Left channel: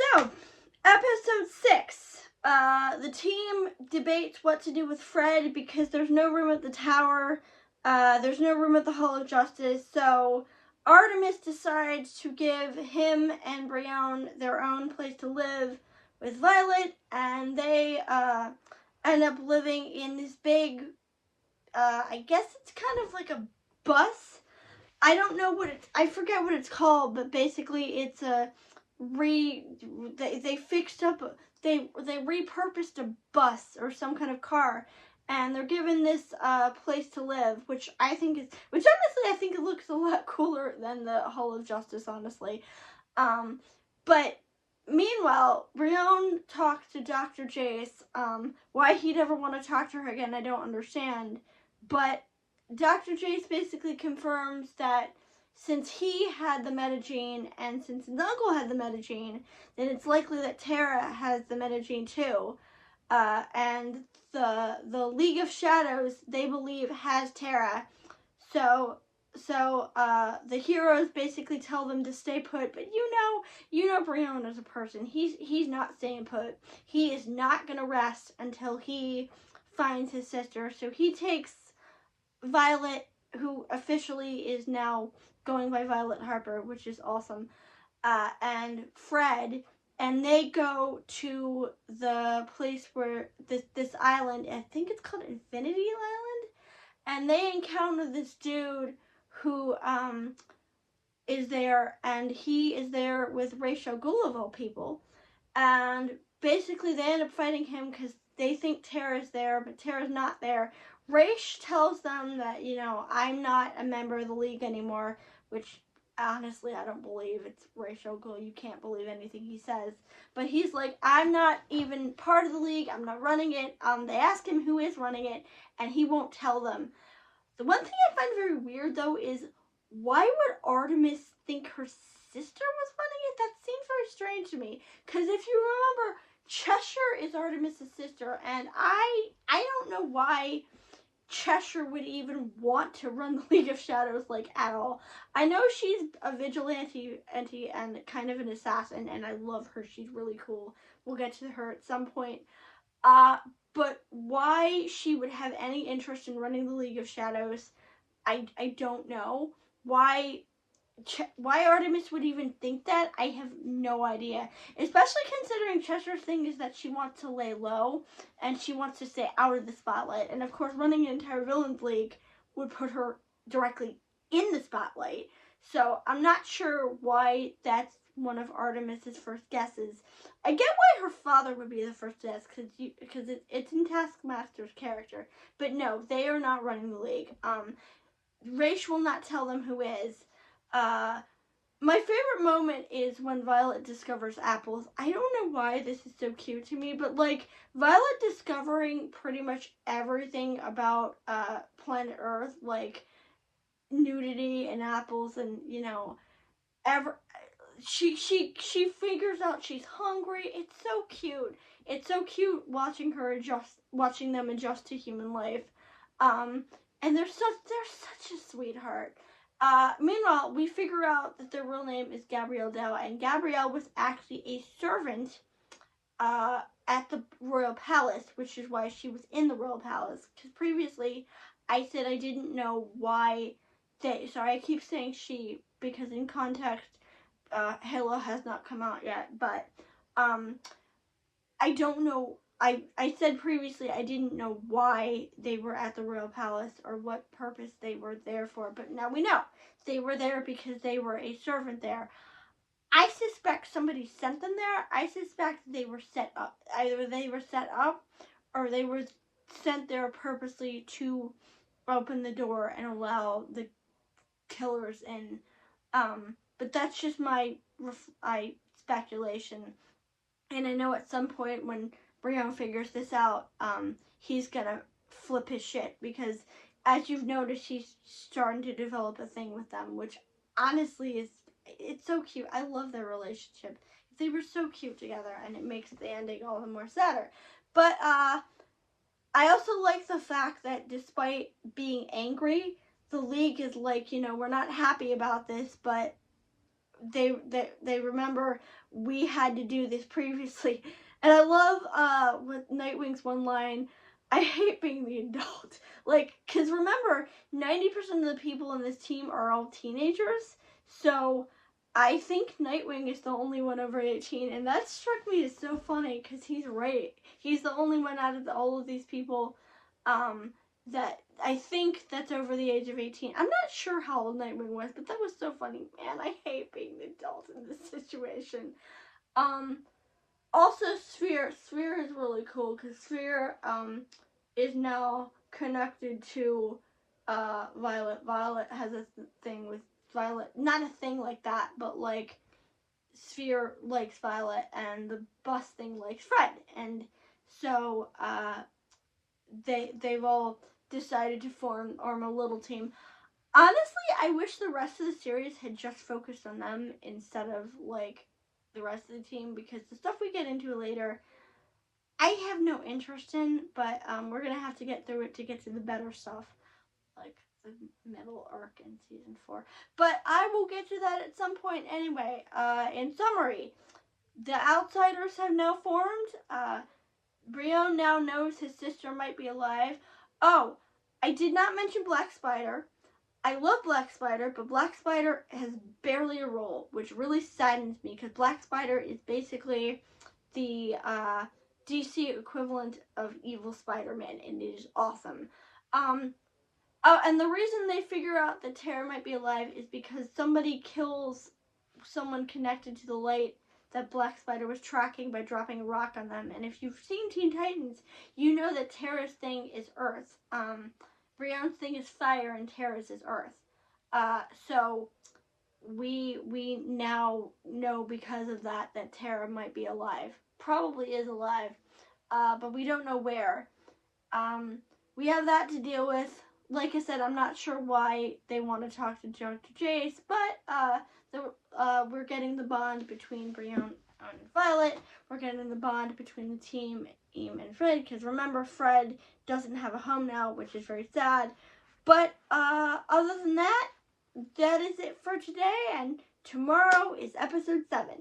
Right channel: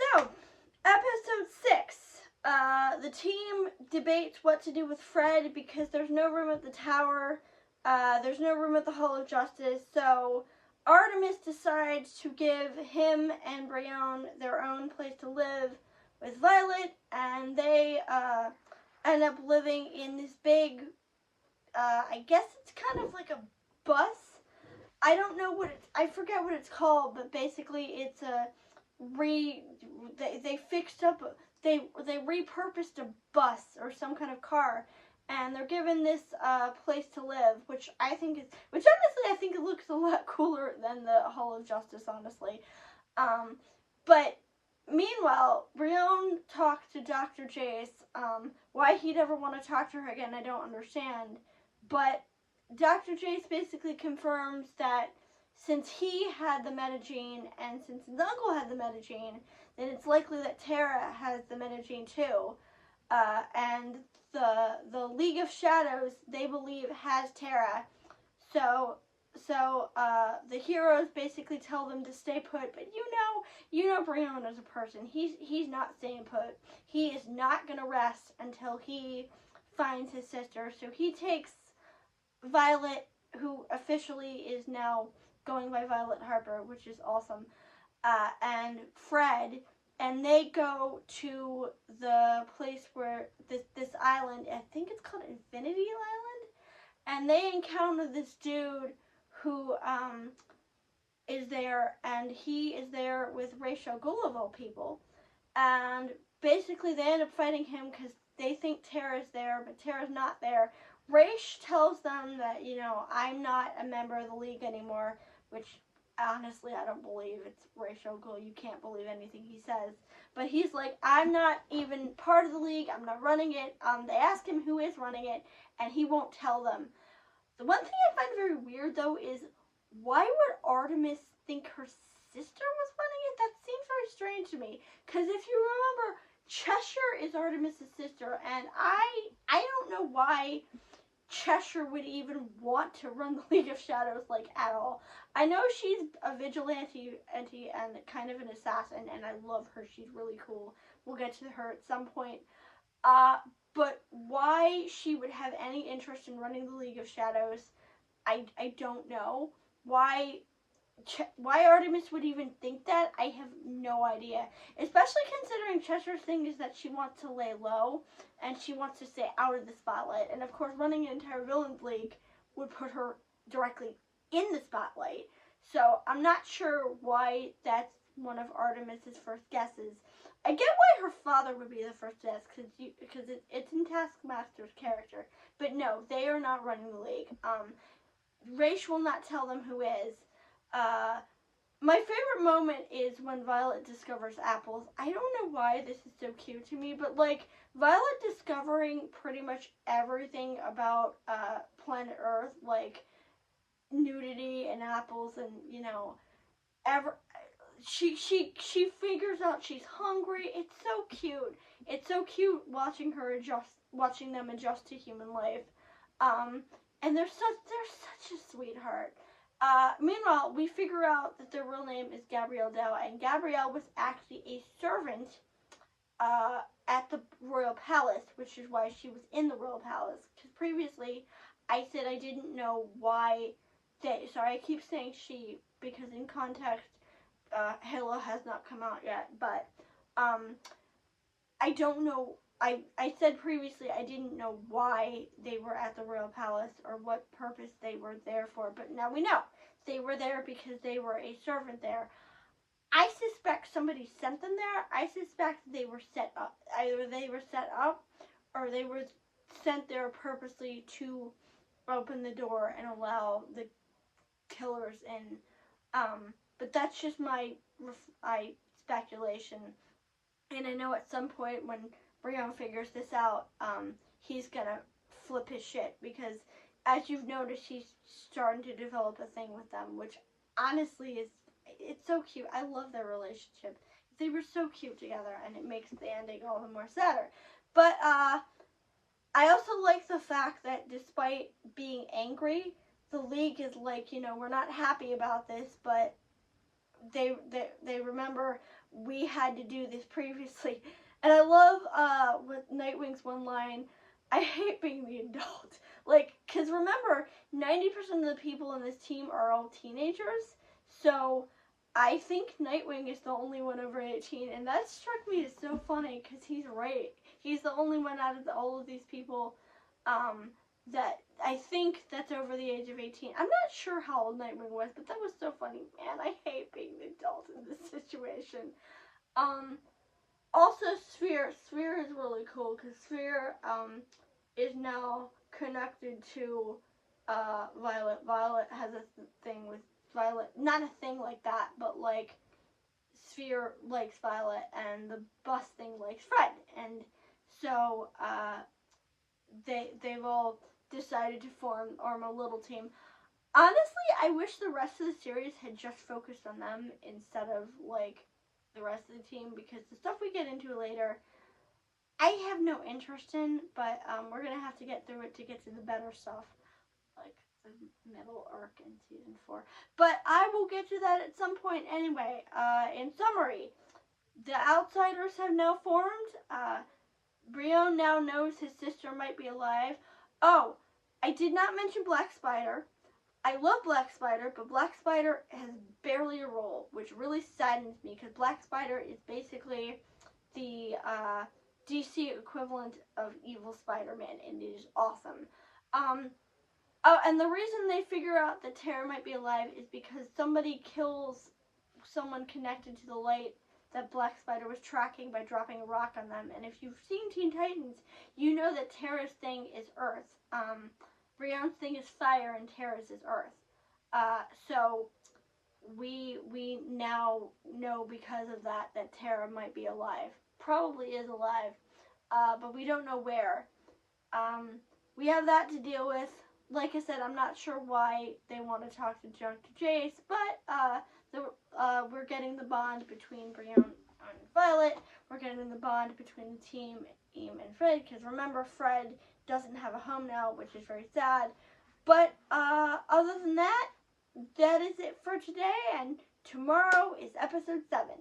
So, episode 6. The team debates what to do with Fred because there's no room at the tower. There's no room at the Hall of Justice. So, Artemis decides to give him and Brienne their own place to live with Violet, and they end up living in this big, I guess it's kind of like a bus. I don't know what I forget what it's called, but basically it's a they fixed up, they repurposed a bus or some kind of car, and they're given this place to live, which honestly I think it looks a lot cooler than the Hall of Justice, honestly. But meanwhile, Brienne talks to Dr. Jace. Why he'd ever want to talk to her again, I don't understand. But Dr. Jace basically confirms that since he had the metagene and since his uncle had the metagene, then it's likely that Tara has the metagene too. And the League of Shadows, they believe, has Tara. So the heroes basically tell them to stay put, but you know Brienne as a person. He's not staying put. He is not gonna rest until he finds his sister. So he takes Violet, who officially is now going by Violet Harper, which is awesome, and Fred, and they go to the place where this island, I think it's called Infinity Island, and they encounter this dude who is there, and he is there with Ra's al Ghul of all people, and basically they end up fighting him because they think Tara's there, but Tara's not there. Ra's tells them that, I'm not a member of the League anymore, which honestly I don't believe. It's Ra's al Ghul. You can't believe anything he says. But he's like, I'm not even part of the League. I'm not running it. They ask him who is running it, and he won't tell them. The one thing I find very weird, though, is why would Artemis think her sister was running it? That seems very strange to me. Because if you remember, Cheshire is Artemis' sister, and I don't know why Cheshire would even want to run the League of Shadows, at all. I know she's a vigilante and kind of an assassin, and I love her. She's really cool. We'll get to her at some point. But why she would have any interest in running the League of Shadows, I don't know. Why Artemis would even think that, I have no idea. Especially considering Cheshire's thing is that she wants to lay low and she wants to stay out of the spotlight. And of course, running an entire villains league would put her directly in the spotlight. So I'm not sure why that's one of Artemis's first guesses. I get why her father would be the first guess because it's in Taskmaster's character. But no, they are not running the league. Ra's will not tell them who is. My favorite moment is when Violet discovers apples. I don't know why this is so cute to me, but Violet discovering pretty much everything about planet Earth, like nudity and apples, and she figures out she's hungry. It's so cute. It's so cute watching them adjust to human life. And they're such a sweetheart. Meanwhile, we figure out that their real name is Gabrielle Dow, and Gabrielle was actually a servant at the Royal Palace, which is why she was in the Royal Palace. Because previously, I said I didn't know why sorry, I keep saying she, because in context, Halo has not come out yet, but I don't know. I said previously I didn't know why they were at the Royal Palace or what purpose they were there for, but now we know. They were there because they were a servant there. I suspect somebody sent them there. I suspect they were set up. Either they were set up or they were sent there purposely to open the door and allow the killers in. But that's just my speculation. And I know at some point when Brienne figures this out, he's gonna flip his shit, because as you've noticed, he's starting to develop a thing with them, which honestly it's so cute. I love their relationship. They were so cute together, and it makes the ending all the more sadder. But I also like the fact that despite being angry, the League is we're not happy about this, but they remember we had to do this previously. And I love with Nightwing's one line, I hate being the adult. Like, because remember, 90% of the people in this team are all teenagers. So I think Nightwing is the only one over 18. And that struck me as so funny because he's right. He's the only one out of all of these people that I think that's over the age of 18. I'm not sure how old Nightwing was, but that was so funny. Man, I hate being the adult in this situation. Also, Sphere is really cool because Sphere is now connected to Violet. Violet has a thing with Violet, not a thing like that, but like Sphere likes Violet and the bus thing likes Fred, and so they've all decided to form a little team. Honestly, I wish the rest of the series had just focused on them instead of like the rest of the team, because the stuff we get into later I have no interest in, but we're gonna have to get through it to get to the better stuff, like the middle arc in season 4. But I will get to that at some point anyway. In summary, the Outsiders have now formed. Brion now knows his sister might be alive. Oh, I did not mention Black Spider. I love Black Spider, but Black Spider has barely a role, which really saddens me, because Black Spider is basically the DC equivalent of evil Spider-Man, and it is awesome. Oh, and the reason they figure out that Terra might be alive is because somebody kills someone connected to the light that Black Spider was tracking by dropping a rock on them. And if you've seen Teen Titans, you know that Terra's thing is Earth. Brion's thing is fire, and Terra's is Earth. So we now know because of that Terra might be alive. Probably is alive, but we don't know where. We have that to deal with. Like I said, I'm not sure why they want to talk to Dr. Jace, but we're getting the bond between Brion and Violet. We're getting the bond between the team, Eam and Fred, because remember, Fred doesn't have a home now, which is very sad. But other than that, that is it for today, and tomorrow is episode 7.